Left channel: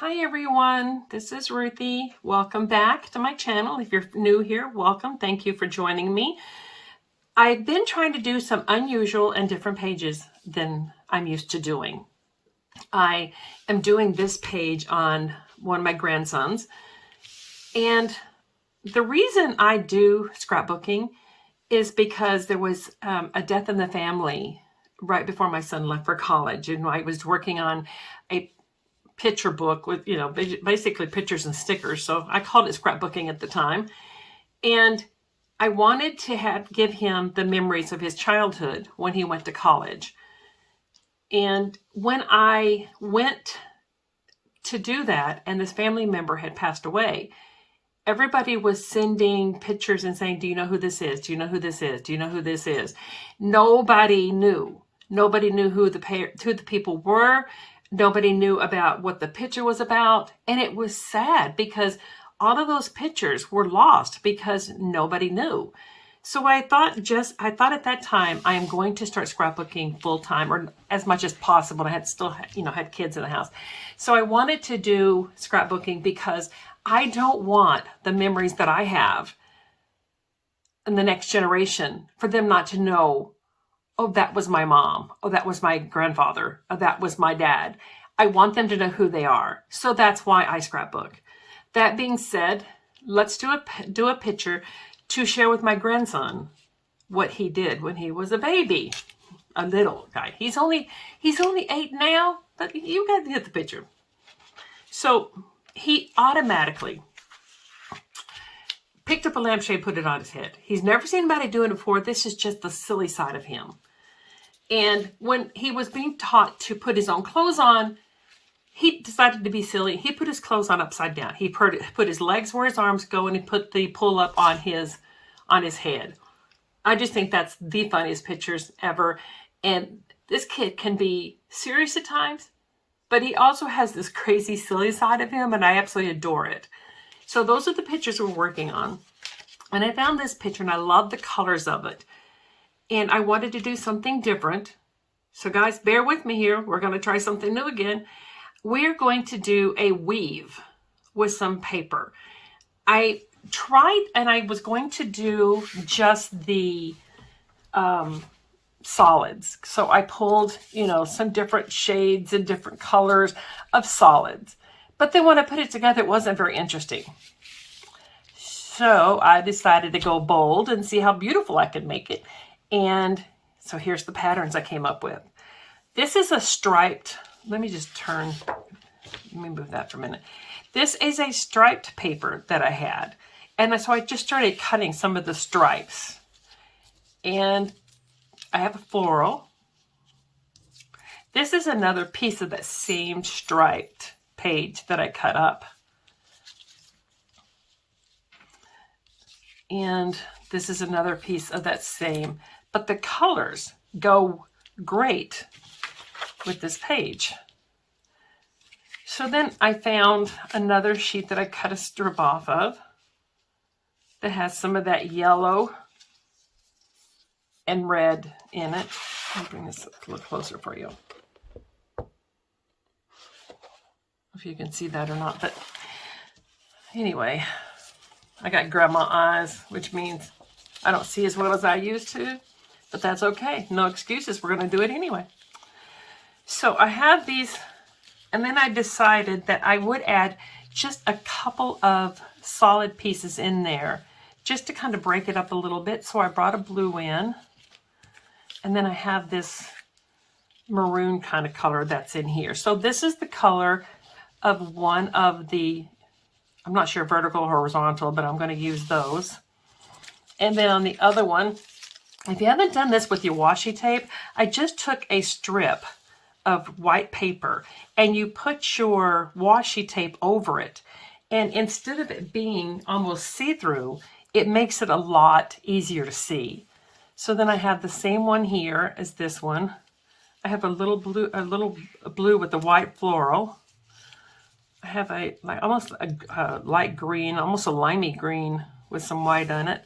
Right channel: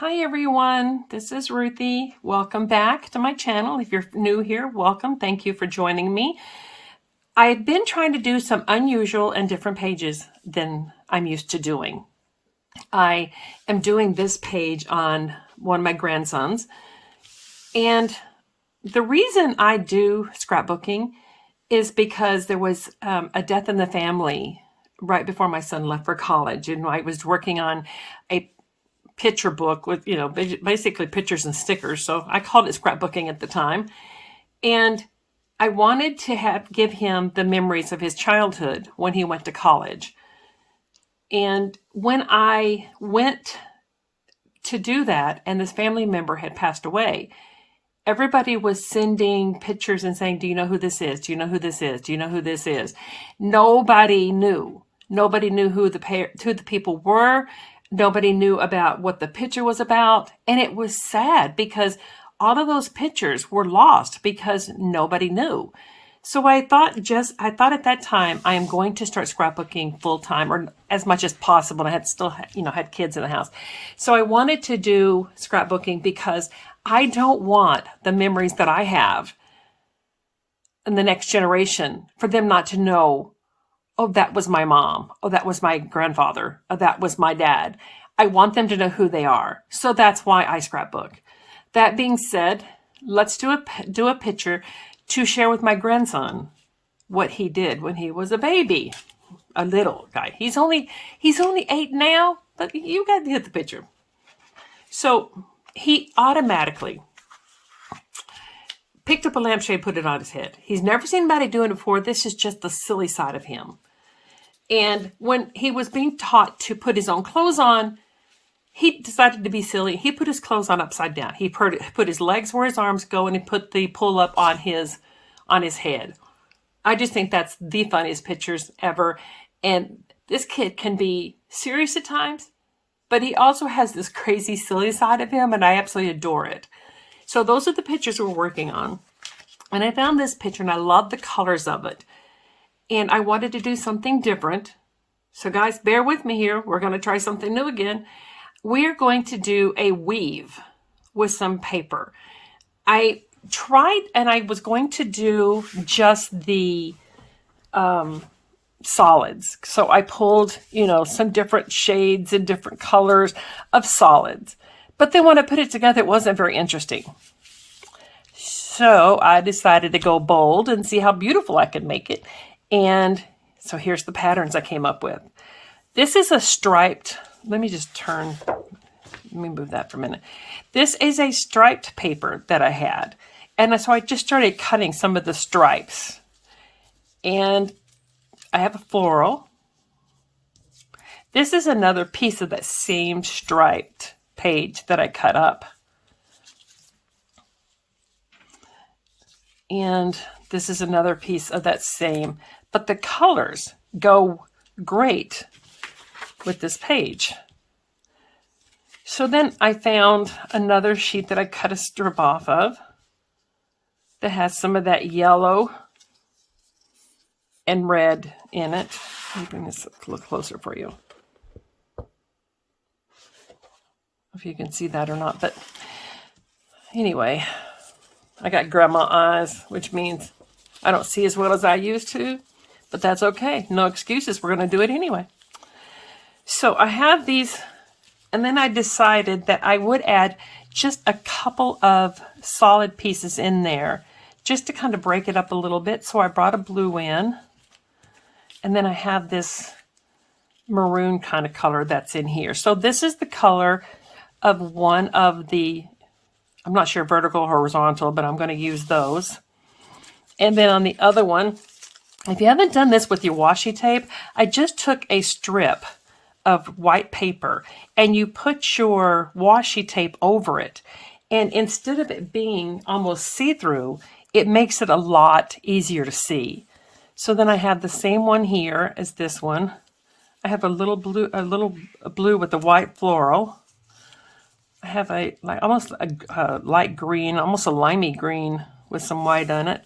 Hi everyone, this is Ruthie. Welcome back to my channel. If you're new here, welcome. Thank you for joining me. I've been trying to do some unusual and different pages than I'm used to doing. I am doing this page on one of my grandsons, and the reason I do scrapbooking is because there was a death in the family right before my son left for college, and I was working on a picture book with, basically pictures and stickers. So I called it scrapbooking at the time. And I wanted to give him the memories of his childhood when he went to college. And when I went to do that and this family member had passed away, everybody was sending pictures and saying, do you know who this is? Do you know who this is? Do you know who this is? Nobody knew. Nobody knew who the people were. Nobody knew about what the picture was about. And it was sad because all of those pictures were lost because nobody knew. So I thought at that time, I am going to start scrapbooking full time, or as much as possible. I had had kids in the house. So I wanted to do scrapbooking because I don't want the memories that I have in the next generation for them not to know, oh, that was my mom. Oh, that was my grandfather. Oh, that was my dad. I want them to know who they are. So that's why I scrapbook. That being said, let's do a picture to share with my grandson what he did when he was a baby, a little guy. He's only 8 now, but you got to get the picture. So he automatically picked up a lampshade, put it on his head. He's never seen anybody doing it before. This is just the silly side of him. And when he was being taught to put his own clothes on, he decided to be silly. He put his clothes on upside down. He put his legs where his arms go, and he put the pull up on his head. I just think that's the funniest pictures ever. And this kid can be serious at times, but he also has this crazy silly side of him, and I absolutely adore it. So those are the pictures we're working on. And I found this picture, and I love the colors of it. And I wanted to do something different. So guys, bear with me here. We're going to try something new again. We're going to do a weave with some paper. I tried, and I was going to do just the solids. So I pulled, some different shades and different colors of solids. But then when I put it together, it wasn't very interesting. So I decided to go bold and see how beautiful I could make it. And so here's the patterns I came up with. This is a striped, let me move that for a minute. This is a striped paper that I had. And so I just started cutting some of the stripes. And I have a floral. This is another piece of that same striped page that I cut up. And this is another piece of that same, but the colors go great with this page. So then I found another sheet that I cut a strip off of that has some of that yellow and red in it. Let me bring this a little closer for you. If you can see that or not, but anyway, I got grandma eyes, which means I don't see as well as I used to, but that's okay. No excuses. We're going to do it anyway. So I have these, and then I decided that I would add just a couple of solid pieces in there just to kind of break it up a little bit. So I brought a blue in, and then I have this maroon kind of color that's in here. So this is the color of one of the, I'm not sure vertical or horizontal, but I'm going to use those. And then on the other one, if you haven't done this with your washi tape, I just took a strip of white paper and you put your washi tape over it. And instead of it being almost see-through, it makes it a lot easier to see. So then I have the same one here as this one. I have a little blue with the white floral. I have almost a light green, almost a limey green with some white on it.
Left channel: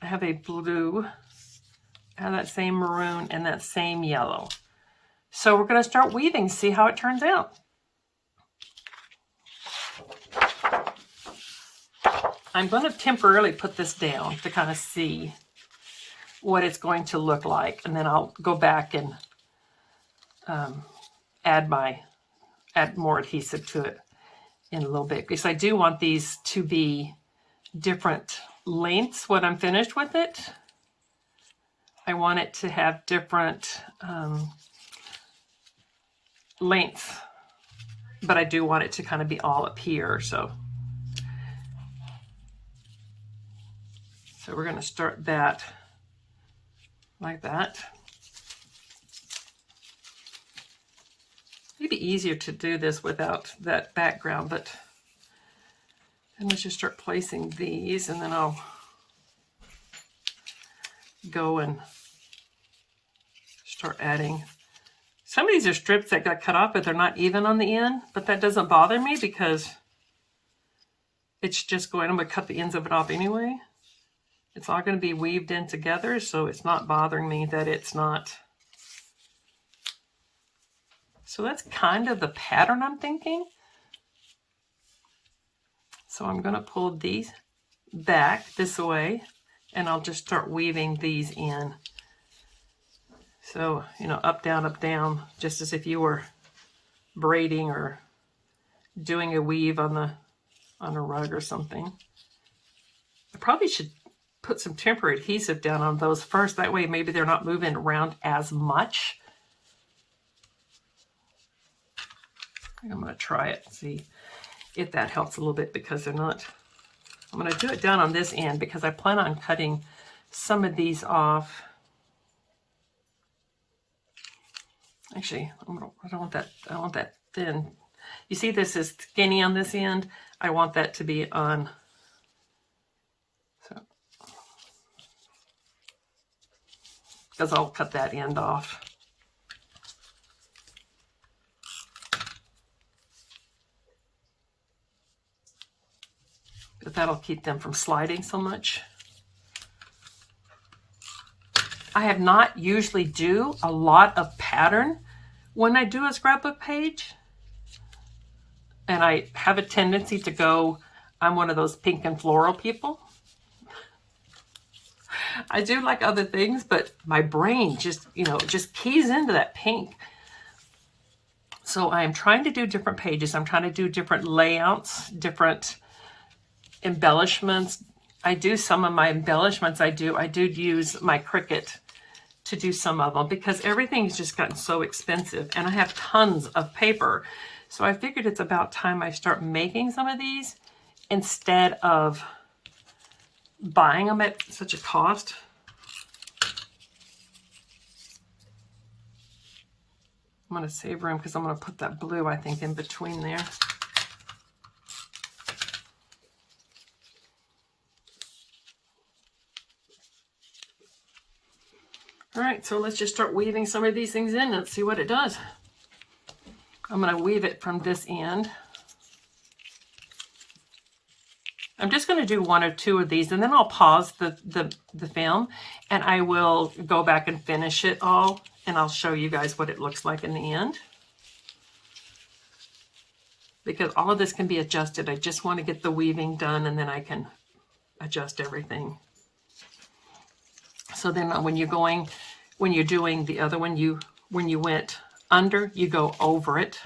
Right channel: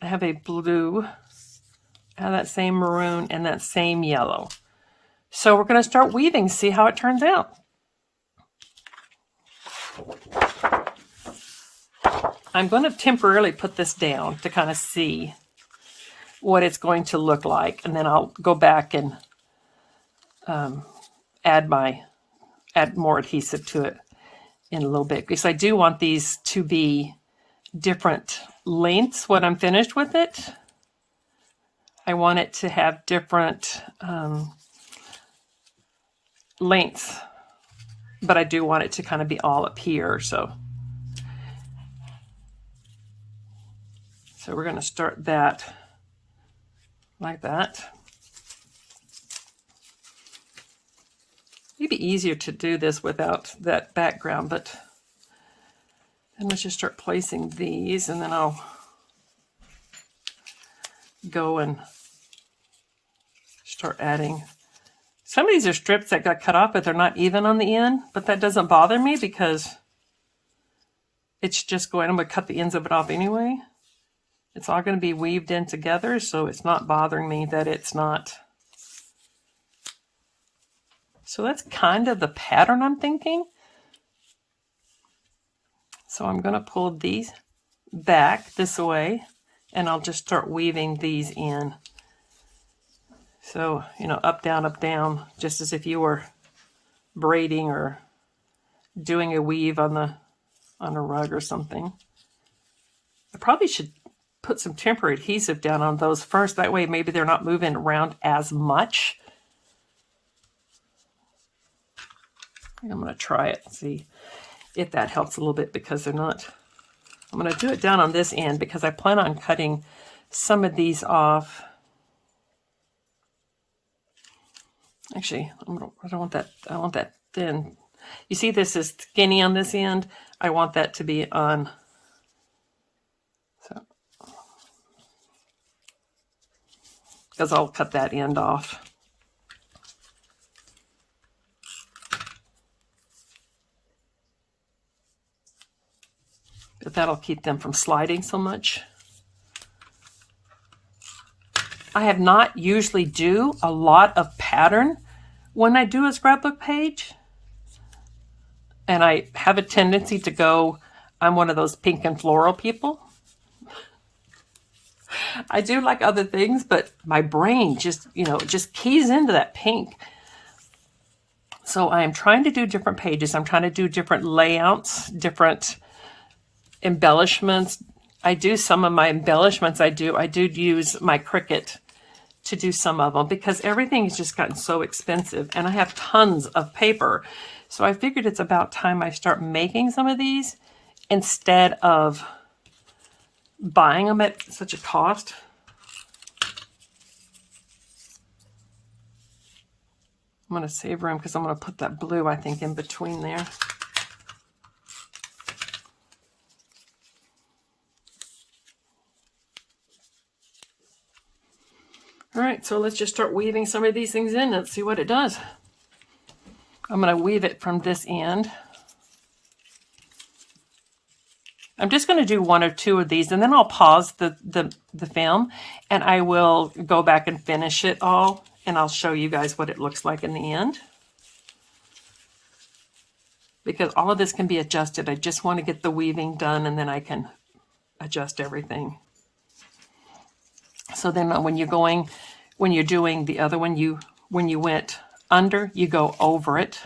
I have a blue, I have that same maroon and that same yellow. So we're going to start weaving, see how it turns out. I'm going to temporarily put this down to kind of see what it's going to look like, and then I'll go back and add more adhesive to it in a little bit, because I do want these to be different lengths when I'm finished with it. I want it to have different lengths, but I do want it to kind of be all up here. So we're going to start that like that. It'd be easier to do this without that background, but then let's just start placing these, and then I'll go and start adding. Some of these are strips that got cut off, but they're not even on the end, but that doesn't bother me because it's just going, I'm going to cut the ends of it off anyway. It's all going to be weaved in together, so it's not bothering me that it's not. So that's kind of the pattern I'm thinking. So I'm going to pull these back this way, and I'll just start weaving these in. So, you know, up, down, just as if you were braiding or doing a weave on a rug or something. I probably should put some temporary adhesive down on those first. That way maybe they're not moving around as much. I'm going to try it and see if that helps a little bit, because they're not. I'm going to do it down on this end because I plan on cutting some of these off. Actually, I don't want that. I want that thin. You see, this is skinny on this end. I want that to be on. So, because I'll cut that end off. But that'll keep them from sliding so much. I have not usually do a lot of pattern when I do a scrapbook page. And I have a tendency to go, I'm one of those pink and floral people. I do like other things, but my brain just, you know, just keys into that pink. So I am trying to do different pages. I'm trying to do different layouts, different embellishments. I do some of my embellishments. I do use my Cricut to do some of them because everything's just gotten so expensive, and I have tons of paper. So I figured it's about time I start making some of these instead of buying them at such a cost. I'm going to save room because I'm going to put that blue, I think, in between there. All right, so let's just start weaving some of these things in. Let's see what it does. I'm going to weave it from this end. I'm just going to do one or two of these, and then I'll pause the film, and I will go back and finish it all, and I'll show you guys what it looks like in the end. Because all of this can be adjusted. I just want to get the weaving done, and then I can adjust everything. So then when you're doing the other one, when you went under, you go over it.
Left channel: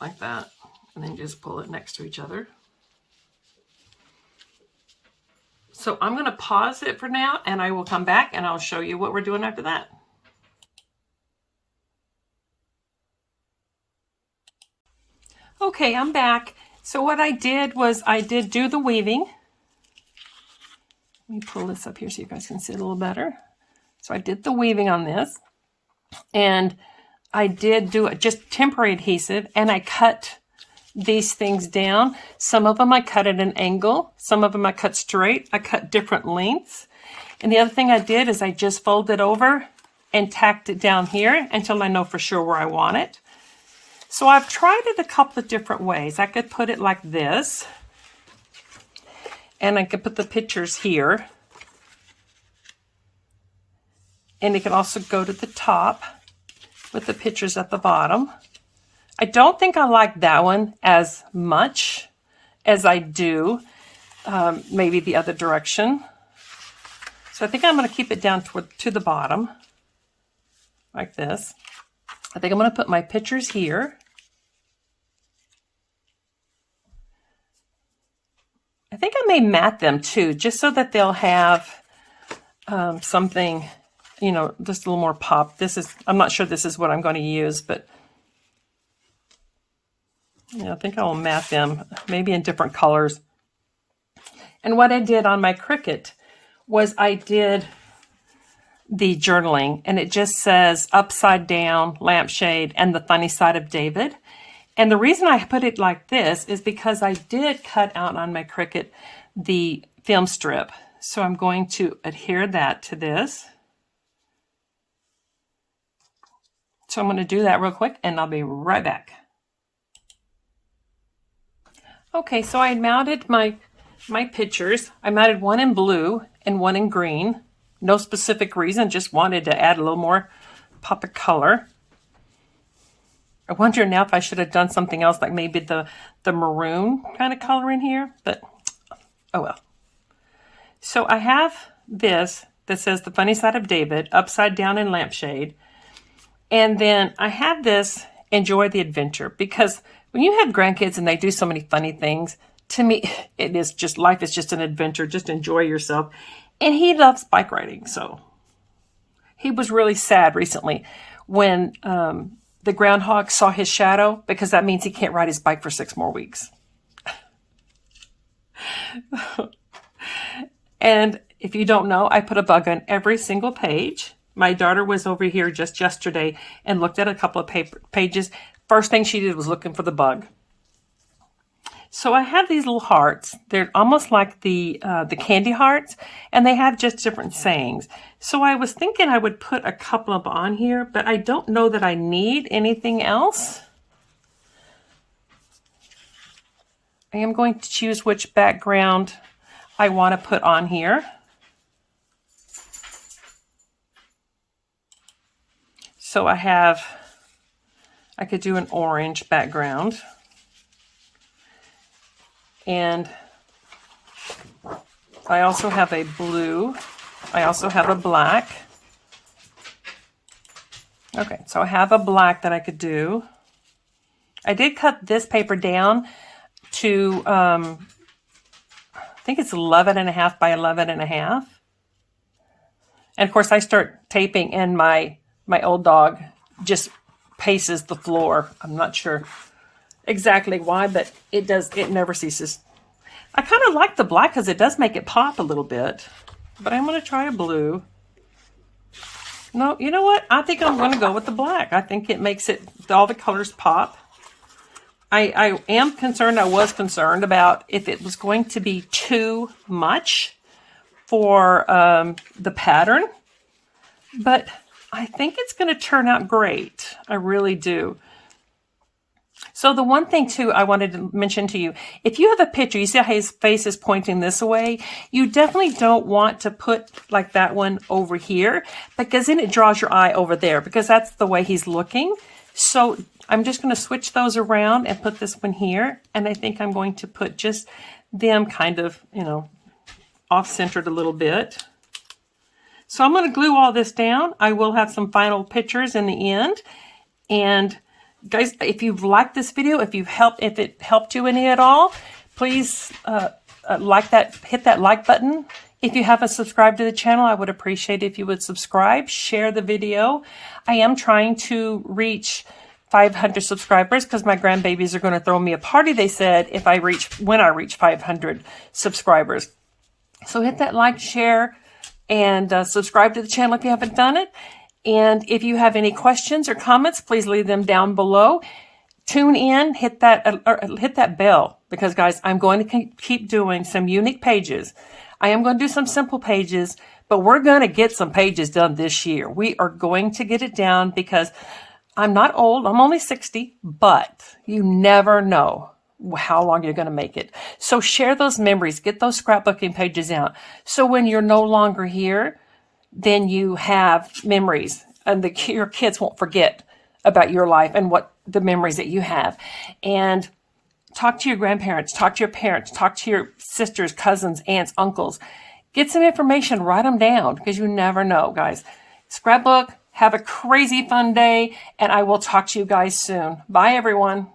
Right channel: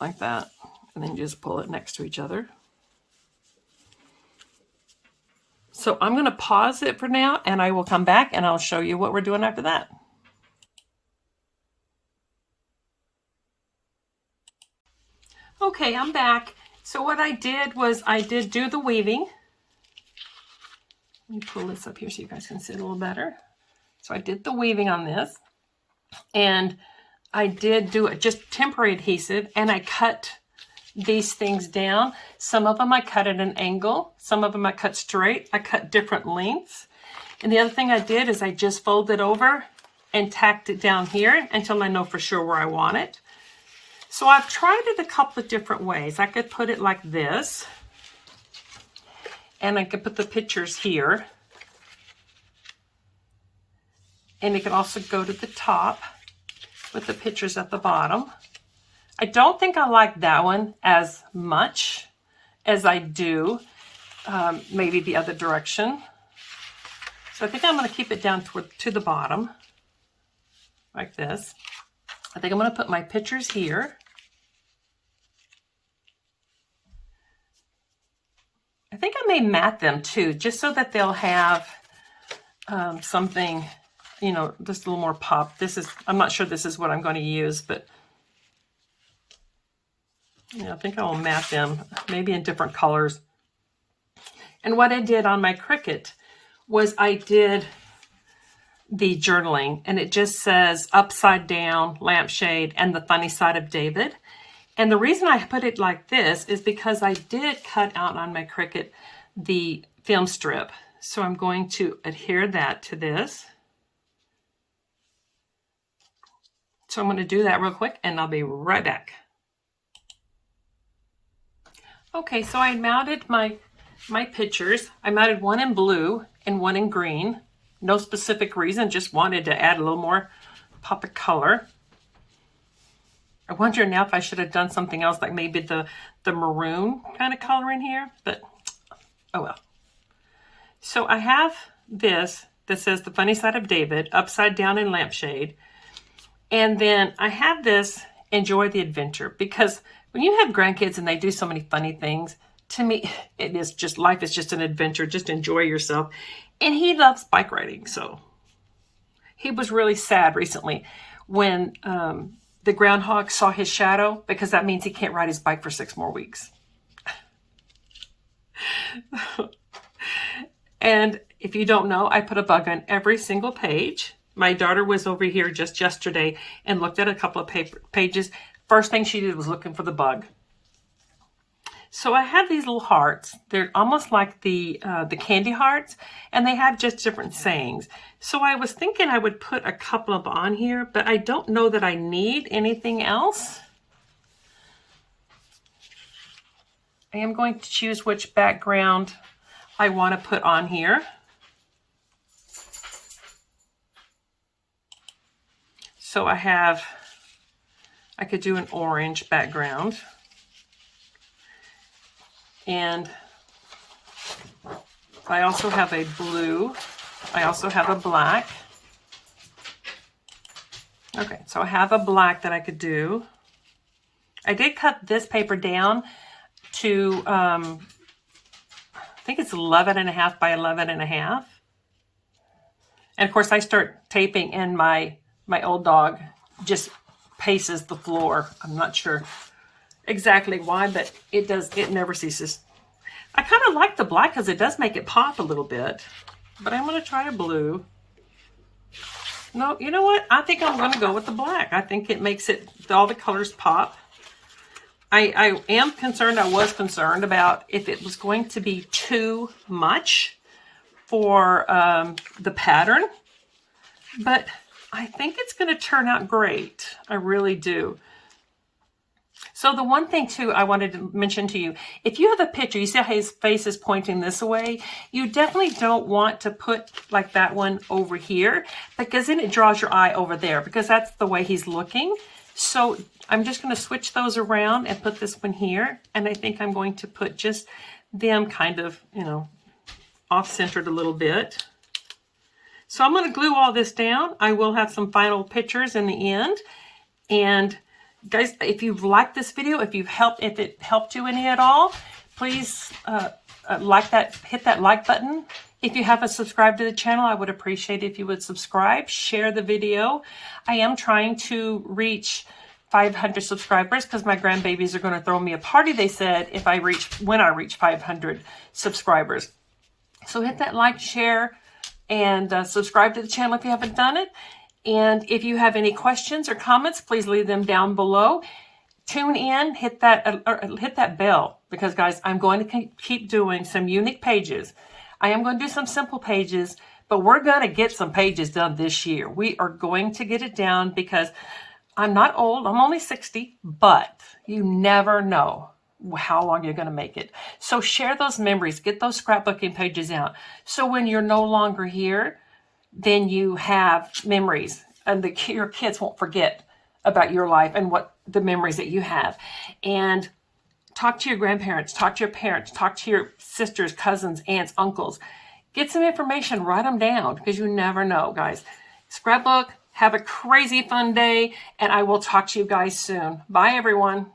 Like that. And then you just pull it next to each other. So I'm going to pause it for now, and I will come back and I'll show you what we're doing after that. Okay, I'm back. So what I did was I did do the weaving. Let me pull this up here so you guys can see it a little better. So I did the weaving on this, and I did do just temporary adhesive, and I cut these things down. Some of them I cut at an angle. Some of them I cut straight. I cut different lengths. And the other thing I did is I just folded over and tacked it down here until I know for sure where I want it. So I've tried it a couple of different ways. I could put it like this, and I could put the pictures here. And it can also go to the top with the pictures at the bottom. I don't think I like that one as much as I do maybe the other direction. So I think I'm going to keep it down to the bottom like this. I think I'm going to put my pictures here. I think I may mat them too, just so that they'll have something, you know, just a little more pop. I'm not sure this is what I'm going to use, but yeah, I think I will mat them, maybe in different colors. And what I did on my Cricut was I did the journaling, and it just says upside down, lampshade, and the funny side of David. And the reason I put it like this is because I did cut out on my Cricut the film strip. So I'm going to adhere that to this. So I'm going to do that real quick, and I'll be right back. Okay, so I mounted my pictures. I mounted one in blue and one in green. No specific reason, just wanted to add a little more pop of color. I wonder now if I should have done something else, like maybe the maroon kind of color in here, but oh well. So I have this that says the funny side of David, upside down in lampshade. And then I have this enjoy the adventure, because when you have grandkids and they do so many funny things, to me, it is just, life is just an adventure. Just enjoy yourself. And he loves bike riding. So he was really sad recently when the groundhog saw his shadow, because that means he can't ride his bike for 6 more weeks. And if you don't know, I put a bug on every single page. My daughter was over here just yesterday and looked at a couple of pages. First thing she did was looking for the bug. So I have these little hearts. They're almost like the candy hearts, and they have just different sayings. So I was thinking I would put a couple of on here, but I don't know that I need anything else. I am going to choose which background I want to put on here. So I could do an orange background. And I also have a blue. I also have a black. Okay, so I have a black that I could do. I did cut this paper down to, I think it's 11.5 by 11.5. And of course I start taping, and my old dog just paces the floor. I'm not sure exactly why, but it never ceases. I kind of like the black because it does make it pop a little bit, but I'm going to try a blue. No, you know what? I think I'm going to go with the black. I think it makes all the colors pop. I was concerned about if it was going to be too much for the pattern, but I think it's going to turn out great. I really do. So the one thing too I wanted to mention to you, if you have a picture, you see how his face is pointing this way, you definitely don't want to put like that one over here, because then it draws your eye over there, because that's the way he's looking. So I'm just going to switch those around and put this one here, and I think I'm going to put just them kind of, you know, off-centered a little bit. So I'm going to glue all this down. I will have some final pictures in the end. And guys, if you've liked this video, if it helped you any at all, please like that, hit that like button. If you haven't subscribed to the channel, I would appreciate it if you would subscribe, share the video. I am trying to reach 500 subscribers because my grandbabies are going to throw me a party, they said, when I reach 500 subscribers. So hit that like, share, and subscribe to the channel if you haven't done it. And if you have any questions or comments, please leave them down below. Tune in, hit that bell, because guys, I'm going to keep doing some unique pages. I am going to do some simple pages, but we're going to get some pages done this year. We are going to get it down, because I'm not old. I'm only 60, but you never know how long you're going to make it. So share those memories, get those scrapbooking pages out. So when you're no longer here, then you have memories, and your kids won't forget about your life and what the memories that you have. And talk to your grandparents, talk to your parents, talk to your sisters, cousins, aunts, uncles. Get some information, write them down, because you never know, guys. Scrapbook, have a crazy fun day, and I will talk to you guys soon. Bye, everyone.